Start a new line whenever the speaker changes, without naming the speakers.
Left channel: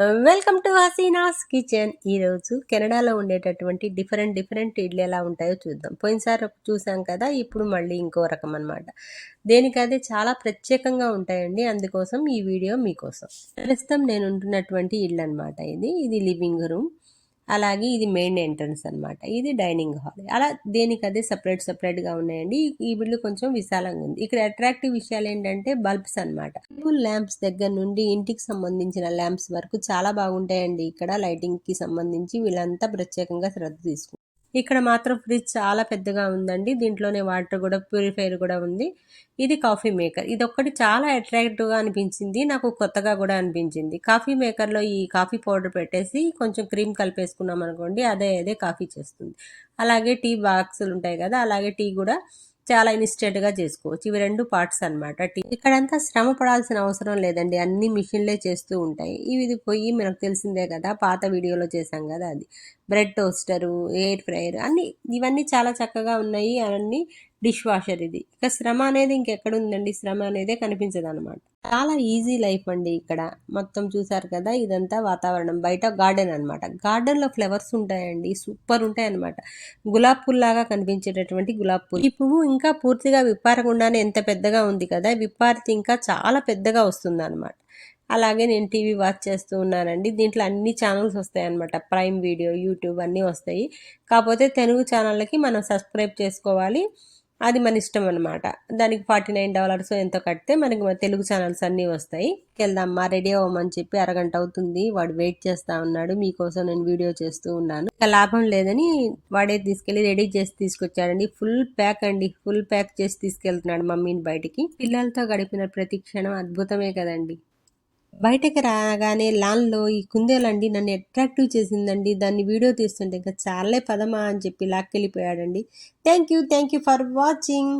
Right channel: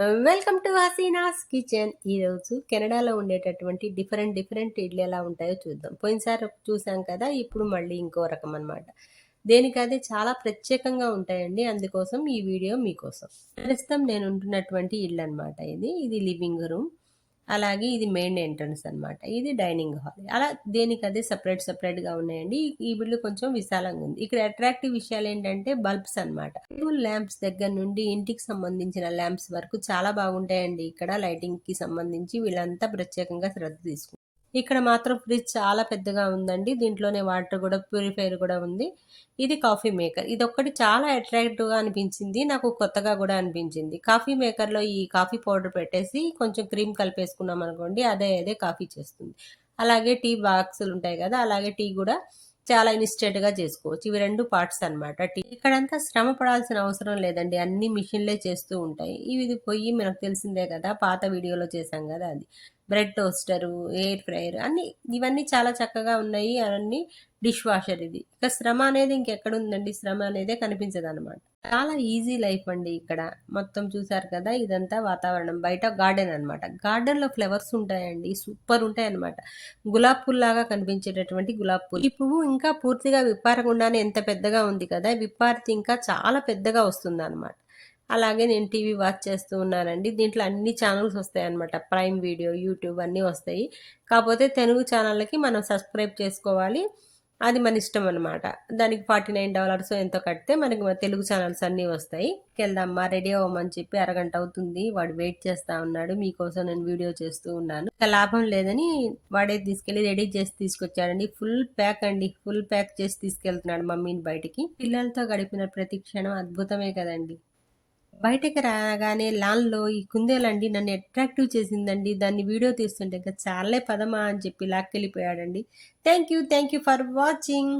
Welcome to Hasina's kitchen. ఈరోజు కెనడాలో ఉండేటటువంటి డిఫరెంట్ డిఫరెంట్ ఇడ్లీ ఎలా ఉంటాయో చూద్దాం. పోయినసారి చూసాం కదా ఇప్పుడు మళ్ళీ ఇంకో రకం అనమాట దేనికదే చాలా ప్రత్యేకంగా ఉంటాయండి. అందుకోసం ఈ వీడియో మీకోసం. ప్రస్తుతం నేను ఉంటున్నటువంటి ఇల్లు అనమాట ఇది. ఇది లివింగ్ రూమ్. అలాగే ఇది మెయిన్ ఎంట్రన్స్ అనమాట ఇది డైనింగ్ హాల్. అలా దేనికి అదే సపరేట్ సపరేట్గా ఉన్నాయండి? ఈ బిల్లు కొంచెం విశాలంగా ఉంది. ఇక్కడ అట్రాక్టివ్ విషయాలు ఏంటంటే బల్బ్స్ అనమాట టేబుల్ ల్యాంప్స్ దగ్గర నుండి ఇంటికి సంబంధించిన ల్యాంప్స్ వరకు చాలా బాగుంటాయండి. ఇక్కడ లైటింగ్కి సంబంధించి వీళ్ళంతా ప్రత్యేకంగా శ్రద్ధ తీసుకుంటారు. ఇక్కడ మాత్రం ఫ్రిడ్జ్ చాలా పెద్దగా ఉందండి. దీంట్లోనే వాటర్ కూడా ప్యూరిఫైర్ కూడా ఉంది. ఇది కాఫీ మేకర్. ఇది ఒక్కటి చాలా అట్రాక్టివ్గా అనిపించింది. నాకు కొత్తగా కూడా అనిపించింది. కాఫీ మేకర్లో ఈ కాఫీ పౌడర్ పెట్టేసి కొంచెం క్రీమ్ కలిపేసుకున్నాం అనుకోండి అదే అదే కాఫీ చేస్తుంది. అలాగే టీ బాక్సులు ఉంటాయి కదా అలాగే టీ కూడా చాలా గా చేసుకోవచ్చు. ఇవి రెండు పార్ట్స్ అనమాట ఇక్కడంతా శ్రమ పడాల్సిన అవసరం లేదండి. అన్ని మిషన్లే చేస్తూ ఉంటాయి. ఇవి పోయి మనకు తెలిసిందే కదా పాత వీడియోలో చేసాం కదా అది. బ్రెడ్ టోస్టరు ఎయిర్ ఫ్రైయర్ అన్ని ఇవన్నీ చాలా చక్కగా ఉన్నాయి. అవన్నీ డిష్ వాషర్ ఇది. ఇక శ్రమ అనేది ఇంకెక్కడుందండి శ్రమ అనేదే కనిపించదు అనమాట చాలా ఈజీ లైఫ్ అండి ఇక్కడ. మొత్తం చూసారు కదా ఇదంతా వాతావరణం. బయట గార్డెన్ అనమాట గార్డెన్లో ఫ్లవర్స్ ఉంటాయండి సూపర్ ఉంటాయి అనమాట గులాబ్ పూల్లాగా కనిపించేటటువంటి గులాబ్ పూలు. ఈ పువ్వు ఇంకా పూర్తిగా విప్పారకుండానే ఎంత పెద్దగా ఉంది కదా విప్పారితే ఇంకా చాలా పెద్దగా వస్తుంది అనమాట అలాగే నేను టీవీ వాచ్ చేస్తూ ఉన్నానండి. దీంట్లో అన్ని ఛానల్స్ వస్తాయి అనమాట ప్రైమ్ వీడియో యూట్యూబ్ అన్నీ వస్తాయి. కాకపోతే తెలుగు ఛానళ్ళకి మనం సబ్స్క్రైబ్ చేసుకోవాలి. అది మన ఇష్టం అనమాట దానికి ఫార్టీ నైన్ డాలర్స్ ఎంతో కడితే మనకి తెలుగు ఛానల్స్ అన్నీ వస్తాయి. వెళ్దామ్మా రెడీ అవ్వమని చెప్పి అరగంట అవుతుంది. వాడు వెయిట్ చేస్తా ఉన్నాడు. మీకోసం నేను వీడియో చేస్తూ ఉన్నాను. ఇంకా లాభం లేదని వాడే తీసుకెళ్ళి రెడీ చేసి తీసుకొచ్చాడండి. ఫుల్ ప్యాక్ అండి. ఫుల్ ప్యాక్ చేసి తీసుకెళ్తున్నాడు మమ్మీని బయటికి. పిల్లలతో గడిపిన ప్రతి క్షణం అద్భుతమే కదండి. బయటకు రాగానే లాన్లో ఈ కుందేలండి నన్ను అట్రాక్టివ్ చేసిందండి. దాన్ని వీడియో తీస్తుంటే ఇంకా చాలే పదమా అని చెప్పి లాక్కెళ్ళిపోయాడండి. Thank you thank you for watching.